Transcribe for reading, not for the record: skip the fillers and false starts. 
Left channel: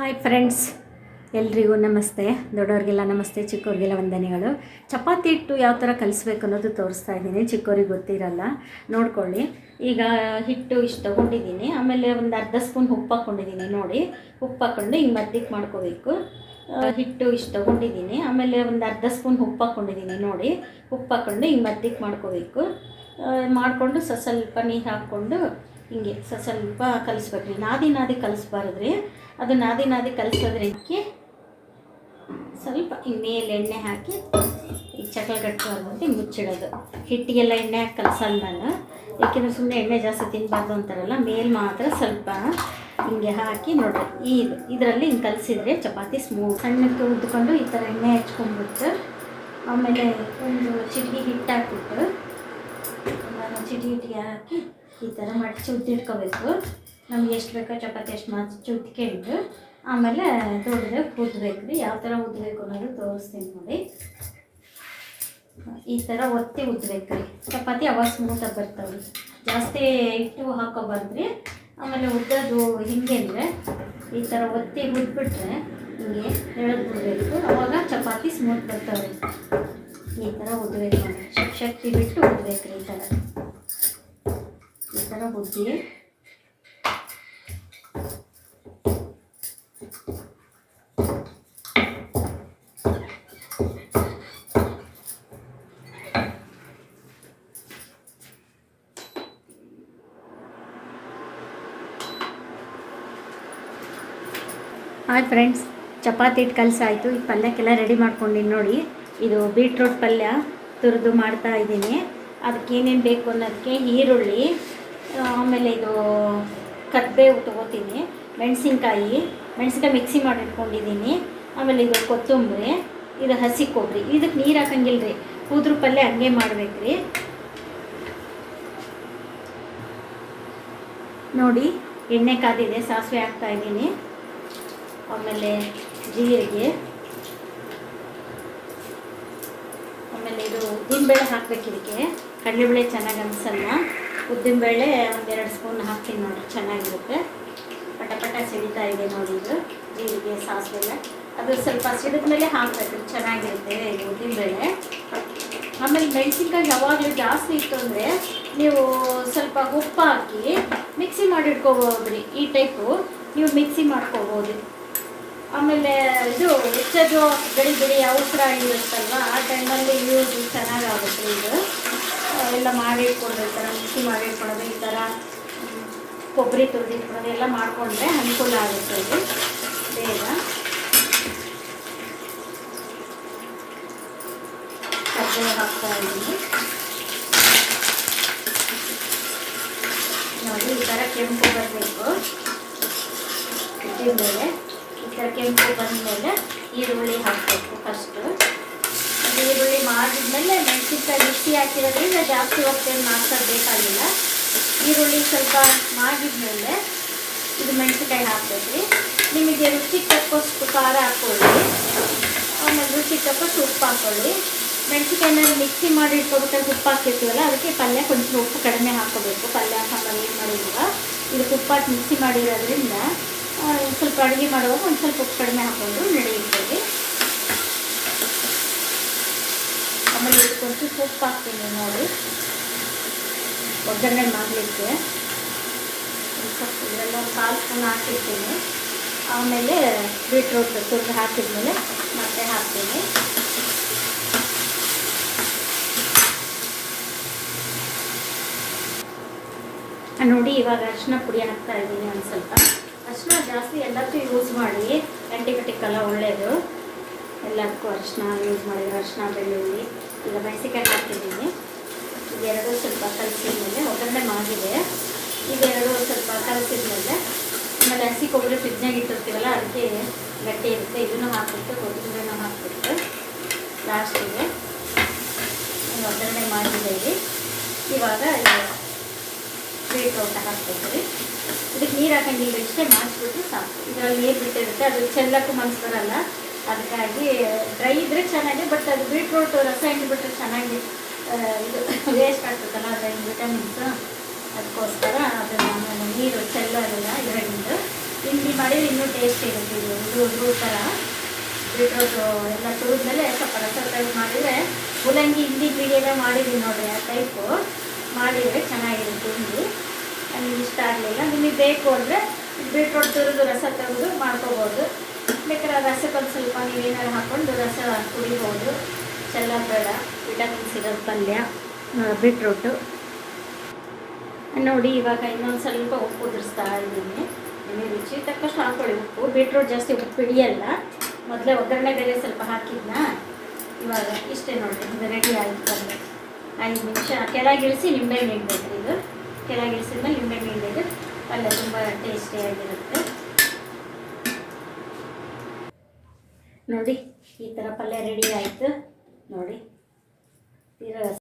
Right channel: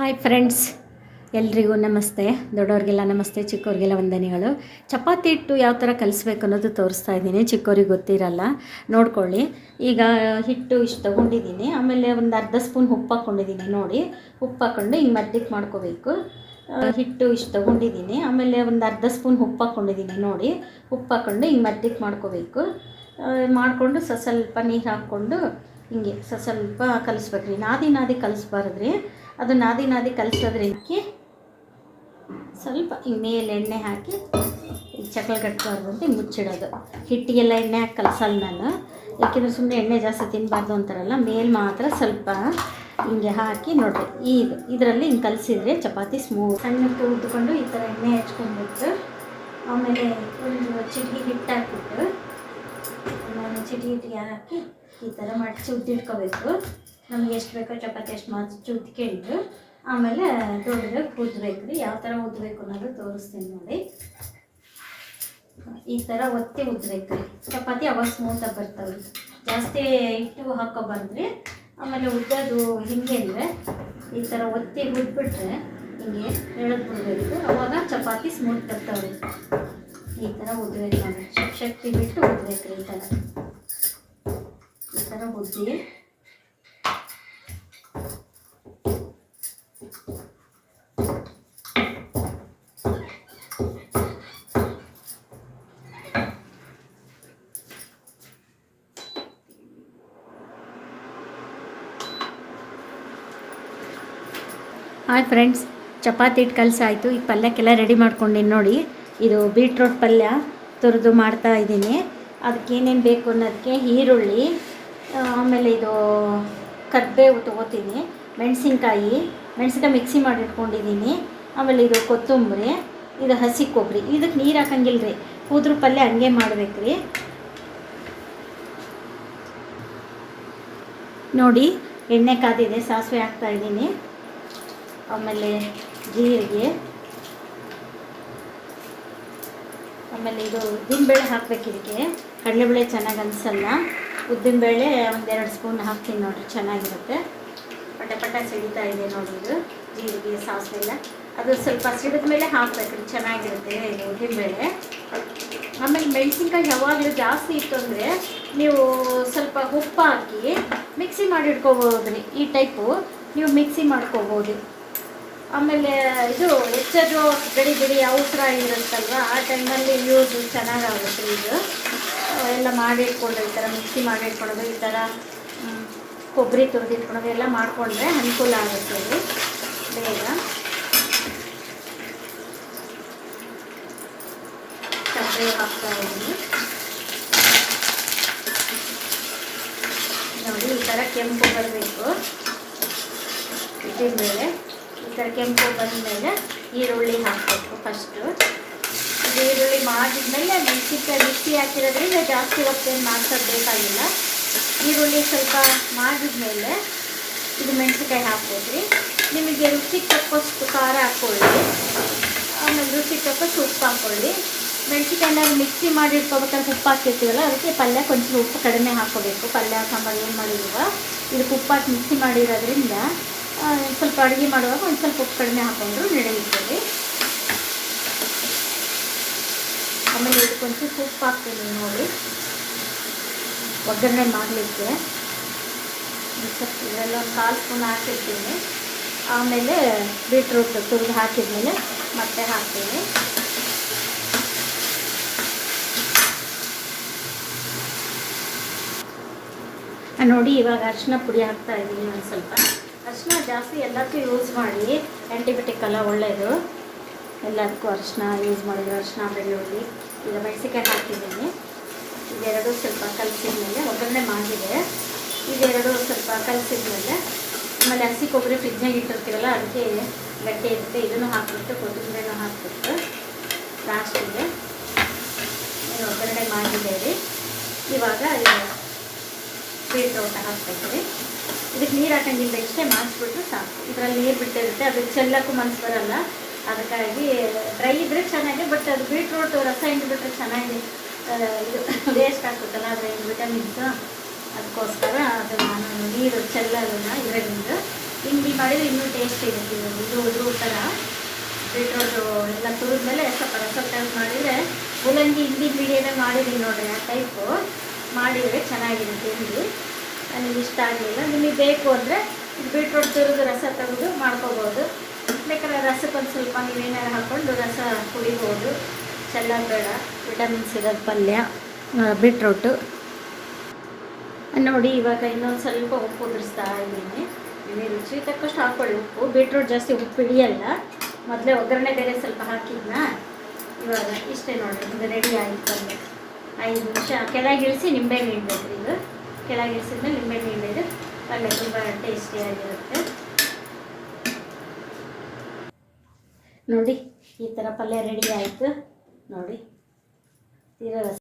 Hi friends, ಎಲ್ರಿಗೂ ನಮಸ್ತೆ. ದೊಡ್ಡವ್ರಿಗೆಲ್ಲ ನಮಸ್ತೆ, ಚಿಕ್ಕವ್ರಿಗೆಲ್ಲ ವಂದನೆಗಳು. ಚಪಾತಿ ಹಿಟ್ಟು ಯಾವ ಥರ ಕಲಿಸ್ಬೇಕು ಅನ್ನೋದು ತೋರಿಸ್ತಾ ಇದ್ದೀನಿ. ಚಿಕ್ಕವ್ರಿಗೆ ಗೊತ್ತಿರಲ್ಲ, ನೋಡ್ಕೊಳ್ಳಿ. ಈಗ ಹಿಟ್ಟು ಇಷ್ಟು ತೊಗೊಂಡಿದ್ದೀನಿ, ಆಮೇಲೆ ಒಂದು ಅರ್ಧ ಸ್ಪೂನ್ ಉಪ್ಪು ಹಾಕ್ಕೊಂಡಿದ್ದೀನಿ. ನೋಡಿ, ಉಪ್ಪು ಹಾಕ್ಕೊಂಡು ಹಿಂಗೆ ಮಧ್ಯಕ್ಕೆ ಮಾಡ್ಕೋಬೇಕು. ಹಿಟ್ಟು ಇಷ್ಟು ತೊಗೊಂಡಿದ್ದೀನಿ, ಆಮೇಲೆ ಒಂದು ಅರ್ಧ ಸ್ಪೂನ್ ಉಪ್ಪು ಹಾಕ್ಕೊಂಡಿದ್ದೀನಿ. ನೋಡಿ, ಉಪ್ಪು ಹಾಕ್ಕೊಂಡು ಹಿಂಗೆ ಮಧ್ಯಕ್ಕೆ ಮಾಡ್ಕೋಬೇಕು. ಮಾಡಿಕೊಂಡು ಸ್ವಲ್ಪ ನೀರು ಹಾಕ್ಕೊಂಡು ಹಿಂಗೆ ಸ್ವಲ್ಪ ಕಲಿಸ್ಬೇಕ್ರಿ. ನಾದಿ ಕಲಿಸ್ಬಾರ್ದ್ರಿ. ಅದು ನಾದಿ ಕಲಿಸೋದ್ರಿಂದಕ್ಕೆ ಸ್ವಲ್ಪ ಈ ಮೇಲೆ ಎಣ್ಣೆ ಹಾಕಿ ಈ ಚಕ್ಲ ಕಟ್ಕೊಂಡು ಮುಚ್ಚಿಡೋದು. ಹಿಟ್ಟಿಗೆಲ್ಲ ಎಣ್ಣೆ ಹಾಕಿ ಕಲಸಲ್ಲ ನಾನು, ಏಕೆಂದರೆ ಸುಮ್ಮನೆ ಎಣ್ಣೆ ಜಾಸ್ತಿ ತಿನ್ನಬಾರ್ದು ಅಂತಾರಲ್ಲ. ಮೇಲೆ ಮಾತ್ರ ಸ್ವಲ್ಪ ಹಿಂಗೆ ಹಾಕಿ ನೋಡಿರಿ, ಇದರಲ್ಲಿ ಹಿಂಗೆ ಕಲಿಸಿದ್ರೆ ಚಪಾತಿ ಸಣ್ಣಕ್ಕೆ ಉದ್ಕೊಂಡು ಈ ಥರ ಎಣ್ಣೆ ಹಚ್ಕೊಂಡ್ಬಿಟ್ಟು ಆಮೇಲೆ ಒಂದು ಚಿಟಿಕೆ ಹಿಟ್ಟು ಹಾಕ್ಬಿಟ್ಟು ನಾನು ಚಿಟಿಕೆ ಹಿಟ್ಟಿಗೆ ಹಾಕಿ ಈ ಥರ ಮಡಚಿ ಉದ್ದಿಟ್ಕೋಬೇಕು. ನಮ್ಗೆ ಎಷ್ಟು ಬೇಕೋ ಚಪಾತಿ ಎಷ್ಟು ಮಡಚಿ ಉದ್ಕೊಂಡು ಆಮೇಲೆ ದೊಡ್ಡದಾಗಿ ಉದ್ದಬೇಕು ರೀ. ಯಾವ ಥರ ಉದ್ದಬೇಕು ಅನ್ನೋದು ತೋರಿಸ್ತೀನಿ ನೋಡಿ. ಈ ಥರ ಒತ್ತಿ ಉದ್ದಬೇಕು ರೀ ಚಪಾತಿ, ಅವಾಗ ಸ್ಮೂತಾಗಿ ಬರ್ತಾವೆ ರೀ. ಜಾಸ್ತಿ ಹಿಟ್ಟು ಹಾಕೋಬಾರ್ದ್ರಿ. ಆಮೇಲೆ ಉದ್ದದು ಹಿಂಗೆ ಅಂದರೆ ಈ ಥರ ಒತ್ತಿ ಉದ್ಬಿಟ್ರೆ ಹಿಂಗೆ ಎಳೆದ್ಬಿಡ್ಬೇಕು, ಅವಾಗ ಚಪಾತಿ ಸ್ಮೂತ್ ಬರ್ತಾವೆ ರೀ. ಈ ಥರ ಉದ್ದಬೇಕು ನೋಡಿ, ಶಕ್ತಿ ಬಿಟ್ಟು ಉದ್ದಬೇಕು ರೀ. ಈ ಥರ ಉದ್ದಿ ಹಾಯ್ ಫ್ರೆಂಡ್ಸ್, ಚಪಾತಿ ಹಿಟ್ಟು ಕಲಸಿ ಆಯಿತು. ಈ ಪಲ್ಯಕ್ಕೆಲ್ಲ ರೆಡಿ ಮಾಡ್ಕೊಂಡಿನಿ ನೋಡಿ. ಇದು ಬೀಟ್ರೋಟ್ ಪಲ್ಯ ತುರಿದು ಮಾಡ್ತಾ ಇದ್ದೀನಿ. ಅದಕ್ಕೆ ಏನೇನು ಬೇಕು ಅನ್ನೋದಕ್ಕೆ ಈರುಳ್ಳಿ, ಆಮೇಲೆ ಇದು ಕರಿಬೇವು ತೊಗೋತೀನಿ, ಮೆಣಸಿನ್ಕಾಯಿ ಮಿಕ್ಸಿ ಮಾಡಿ ಇಟ್ಕೊಂಡಿದ್ದೀನಿ. ಆಮೇಲೆ ಇದು ಕೊತ್ತಂಬರಿ, ಇದು ಹಸಿ ಕೊಬ್ಬರಿ. ಇದಕ್ಕೆ ನೀರು ಹಾಕಂಗಿಲ್ಲ ರೀ, ಕೂದ್ರ ಪಲ್ಯ ಹಂಗೆ ಮಾಡ್ಬೇಕು ರೀ. ನೋಡಿ, ಎಣ್ಣೆ ಕಾದಿದೆ, ಸಾಸಿವೆ ಹಾಕ್ತಾಯಿದ್ದೀನಿ. ಆಮೇಲೆ ಜೀರಿಗೆ, ಆಮೇಲೆ ಇದು ಉದ್ದಿನಬೇಳೆ ಹಾಕ್ಬೇಕು. ಇದಕ್ಕೆ ಕಡಲೆಬೇಳೆ ಚೆನ್ನಾಗಿ ಅನಿಸಲ್ಲ. ಉದ್ದಿನಬೇಳೆ ಒಂದೆರಡು ಸ್ಪೂನ್ ಹಾಕ್ತೀನಿ ನೋಡಿ, ಚೆನ್ನಾಗಿರುತ್ತೆ. ಪಟ ಸಿಡಿತಾ ಇದೆ ನೋಡಿ. ಇದು ಜೀರಿಗೆ ಸಾಸಿವೆ ಅದು ಸ್ವಲ್ಪ ಸಿಡಿದ ಮೇಲೆ ಹಾಕಬೇಕು, ಚೆನ್ನಾಗಿರುತ್ತೆ ಇದು ಉದ್ದಿನಬೇಳೆ. ಆಮೇಲೆ ಮೆಣಸಿನ್ಕಾಯಿ ಯಾವಾಗಲೂ ಜಾಸ್ತಿ ಇತ್ತು ಅಂದರೆ ನೀವು ಸ್ವಲ್ಪ ಉಪ್ಪು ಹಾಕಿ ಮಿಕ್ಸಿ ಮಾಡಿ ಇಟ್ಕೋಬೋದು ರೀ. ಈ ಟೈಪು ನೀವು ಮಿಕ್ಸಿ ಮಾಡ್ಕೋಬೋದು. ಆಮೇಲೆ ಇದು ಹೆಚ್ಚದು ಬಿಡಿ ಅವಸರ ಇರುತ್ತಲ್ವ, ಆ ಟೈಮಲ್ಲಿ ಯೂಸ್ ಚೆನ್ನಾಗಾಗುತ್ತೆ. ಇದು ಎಲ್ಲ ಮಾಡಿಟ್ಕೊಂಡ್ರೆ ಈ ಥರ ಮಿಕ್ಸಿ ಮಾಡಿಟ್ಕೊಂಡ್ರೆ, ಈ ಥರ ಕೊಬ್ಬರಿ ತುರಿದಿಟ್ಕೊಂಡ್ರೆ ಎಲ್ಲ ಮಾಡಿಕೊಂಡ್ರೆ ಅನುಕೂಲ ಆಗುತ್ತೆ ಇದು ಬೇಗ. ಕರಿಬೇವು ಹಾಕ್ತಾ ಇದ್ದೀನಿ ನೋಡಿ. ಈ ಥರ ಕೆಂಪು ಬರಬೇಕು ಉದ್ದಿನಬೇಳೆ. ಈ ಥರ ಕೆಂಪು ಬಂದಮೇಲೆ ಈರುಳ್ಳಿ ಹಾಕಬೇಕು ಫಸ್ಟು. ಈರುಳ್ಳಿ ಮಾಡಿದ್ಮೇಲೆ ಮೆಣಸಿನ್ಕಾಯಿ ಮಿಕ್ಸಿ ಹಾಕಿರೋದ್ರಿಂದ ಜಾಸ್ತಿ ಹೊತ್ತೇನು ಮಾಡ್ಸೋದು ಬೇಕಾಗಿಲ್ಲ. ಈರುಳ್ಳಿ ಸ್ವಲ್ಪ ಮಾಡಿದ್ಮೇಲೆ ಇದು ಮೆಣಸಿನ್ಕಾಯಿ ಹಾಕ್ಬೇಕು ರೀ. ನಿಮಗೆ ರುಚಿಗೆ ತಕ್ಕಷ್ಟು ಖಾರ ಹಾಕ್ಕೊಳ್ಳಿ, ಆಮೇಲೆ ರುಚಿಗೆ ತಕ್ಕಷ್ಟು ಉಪ್ಪು ಹಾಕ್ಕೊಳ್ಳಿ. ಮೆಣಸಿನ್ಕಾಯಿನ ಮಿಕ್ಸಿ ಮಾಡಿ ಇಟ್ಕೊಬೇಕಾದ್ರೆ ಉಪ್ಪು ಹಾಕ್ತಿರ್ತೀವಲ್ಲ, ಅದಕ್ಕೆ ಪಲ್ಯ కొంచెం ಉಪ್ಪು ಕಡಿಮೆ ಹಾಕ್ಕೋಬೇಕು. ಪಲ್ಯ ಸಾಂಬಾರು ಏನು ಮಾಡಿರುವ ಇದಕ್ಕೆ ಉಪ್ಪು ಹಾಕಿ ಮಿಕ್ಸಿ ಮಾಡಿರೋದ್ರಿಂದ ಸ್ವಲ್ಪ ಅಡುಗೆ ಮಾಡುವಾಗ ಒಂದು ಸ್ವಲ್ಪ ಉಪ್ಪು ಕಡಿಮೆ ಹಾಕಿದ್ರು ನಡೆಯುತ್ತದೆ. ಆಮೇಲೆ ಇದಕ್ಕೊಂಚು ಉಪ್ಪು ಹಾಕ್ತೀನಿ ನೋಡಿ, ಒಗ್ಗರಣೆ ಮಾಡಲಿಕ್ಕೆ. ಸ್ವಲ್ಪ ಇದೆಲ್ಲ 1/4 ಸ್ಪೂನ್ ಹಾಕಿರ್ತೀನಿ. ಆಮೇಲೆ ಬೀಟ್ರೋಟ್ ತುರಿದು ಹಾಕಿದ್ಮೇಲೆ ಮತ್ತೆ ಹಾಕ್ತೀನಿ. ನೋಡಿ, ಇವಾಗ ಅರಿಶಿನ ಪುಡಿ ಹಾಕ್ತಾ ಇದ್ದೀನಿ. ಒಂದು ಸ್ವಲ್ಪ ಅರಿಶಿನ ಜಾಸ್ತಿ ಎಲ್ಲದಕ್ಕೂ ಯೂಸ್ ಮಾಡಿ, ಆ್ಯಂಟಿಬಯೋಟಿಕ್ ಎಲ್ಲ ಒಳ್ಳೆಯದು. ಎಲ್ಲದಕ್ಕೂ ಅರಿಶಿನ ಯೂಸ್ ಮಾಡಿ. ಅರಿಶಿನ, ಬೆಳ್ಳುಳ್ಳಿ ಎಲ್ಲ ಮೆಣಸಿನ್ಕಾಯಿ ಹಾಕಿದ್ದೀನಿ. ಇದೆರಡು ಸ್ವಲ್ಪ ಕಲಸಿದ್ಮೇಲೆ ಒಗ್ಗರಣೆ ಮಾಡಿದೆ. ಇದೆರಡು ಸ್ವಲ್ಪ ಕಲಸಿದ್ಮೇಲೆ ಆಮೇಲೆ ಹಸಿ ಕೊಬ್ಬರಿ ಫ್ರಿಜ್ನಾಗ ಇಟ್ಟಿರ್ತೀವಲ್ಲ, ಅದಕ್ಕೆ ಗಟ್ಟಿ ಇರುತ್ತೆ. ಇದನ್ನು ಹಾಕ್ಬಿಟ್ಟು ಕೊತ್ತಂಬರಿನ ಹಾಕ್ಬಿಟ್ಟು ಲಾಸ್ಟಿಗೆ ಒಗ್ಗರಣೆ ಮಾಡಿದ್ದೀವಿ. ಇವಾಗ ಬೀಟ್ರೋಟ್ ಹಾಕ್ಬೇಕು ರೀ. ಇದಕ್ಕೆ ನೀರು ಹಾಕಂಗಿಲ್ಲ, ಇಷ್ಟೇ ಮಾಡಿಸ್ಬಿಟ್ಟು ಸಾಕು. ಇದರಲ್ಲಿ ನೀರು ಬಿಟ್ಟಿರುತ್ತೆ, ಅದು ಚೆಲ್ಲಕ್ಕೂ ಮನಸ್ಸು ಬರೋಲ್ಲ. ಅದಕ್ಕಾಗಿ ಡ್ರೈ ಇದ್ದರೆ ಚೆನ್ನಾಗಿ, ಬಟ್ ಅದು ಬೀಟ್ರೋಟ್ ರಸ ಹಿಂಡ್ಬಿಟ್ರೆ ಚೆನ್ನಾಗಿ ಇದು ವೇಸ್ಟ್ ಆಗ್ತದಲ್ಲ, ಅದರಲ್ಲಿ ವಿಟಮಿನ್ಸ್. ಅದಕ್ಕೋಸ್ಕರ ಅದನ್ನು ನೀರು ಚೆಲ್ಲೋದನ್ನ ಇದರಿಂದ ಹಿಂಡಿ ಮಾಡಿದ್ರೆ ಇನ್ನೂ ಟೇಸ್ಟ್ ಇರುತ್ತೆ. ಇದು ಥರ ಬೀಟ್ರೋಟು ಎಲ್ಲ ತುರಿದ್ಮೇಲೆ ಸ್ವಲ್ಪ ರಸ ತೆಗೆದು ಮಾಡಿದರೆ ಮೂಲಂಗಿ ಹಿಂದಿ ಬಿರಿಯಾನಿ ಮಾಡಿದ್ವಿ ನೋಡ್ರಿ, ಆ ಟೈಪು ಮಾಡಿದರೆ ಚೆನ್ನಾಗಿರುತ್ತೆ. ಹಿಂದಿ ನನಗೆ ಇಷ್ಟ ಆಗಲಿಲ್ಲ. ನಿಮಗೆ ಬೇಕು ಅಂದರೆ ಬೀಟ್ರೋಟ್ ತುರಿದು ರಸ ತೆಗೆದು ಮಾಡ್ಕೋಬೋದು. ಬೇಕಾದ್ರೆ ರಸಕ್ಕೊಂದು ಸ್ವಲ್ಪ ನೀವೇನಾರು ಹಾಕ್ಕೊಂಡು ರಸ ಕುಡಿಬೋದು. ಚೆಲ್ಲ ಬೇಡ, ವಿಟಮಿನ್ಸ್ ಇರೋದು ಪಲ್ಯ ಬೀಟ್ರೋಟು. ನೋಡಿ ಇವಾಗ ಇನ್ನೊಂದು ಸ್ವಲ್ಪ ಉಪ್ಪು ಉದುರಿಸ್ತಾ ಇದ್ದೀನಿ. ನಿಮಗೆ ರುಚಿ ತಕ್ಕಷ್ಟು ಹಾಕ್ಕೊಳ್ಳಿ ಉಪ್ಪು. ಬೀಟ್ರೋಟ್ ಜಾಸ್ತಿ ಉಪ್ಪು ಹಿಡಿಯಲ್ಲ. ಮೊದಲೇ ಒಗ್ಗರಣೆ ಬೇರೆ ಸ್ವಲ್ಪ ಹಾಕಿದ್ನ. ಇವಾಗ ಇಷ್ಟೇ ನೋಡಿರಿ, ಇದು ರೆಡಿ ಆಯಿತು ಪಲ್ಯ. 5 ನಿಮಿಷ ಕೆಳಗಿಳಿಸಿ ನಿಂಬೆ ಹಿಂಡಬೇಕು. ಇದು ಕೆಳಗಿಳಿಸಿದ್ಮೇಲೆ ನಿಂಬೆ ಹಿಂಡಿದ್ರೆ ಪಲ್ಯ ತುಂಬ ಟೇಸ್ಟಿಯಾಗಿರುತ್ತೆ. ನೋಡಿ ಈ ಥರ ಪಲ್ಯ ರೆಡಿ ಆಯಿತು ನೋಡಿ. ತೀರಾ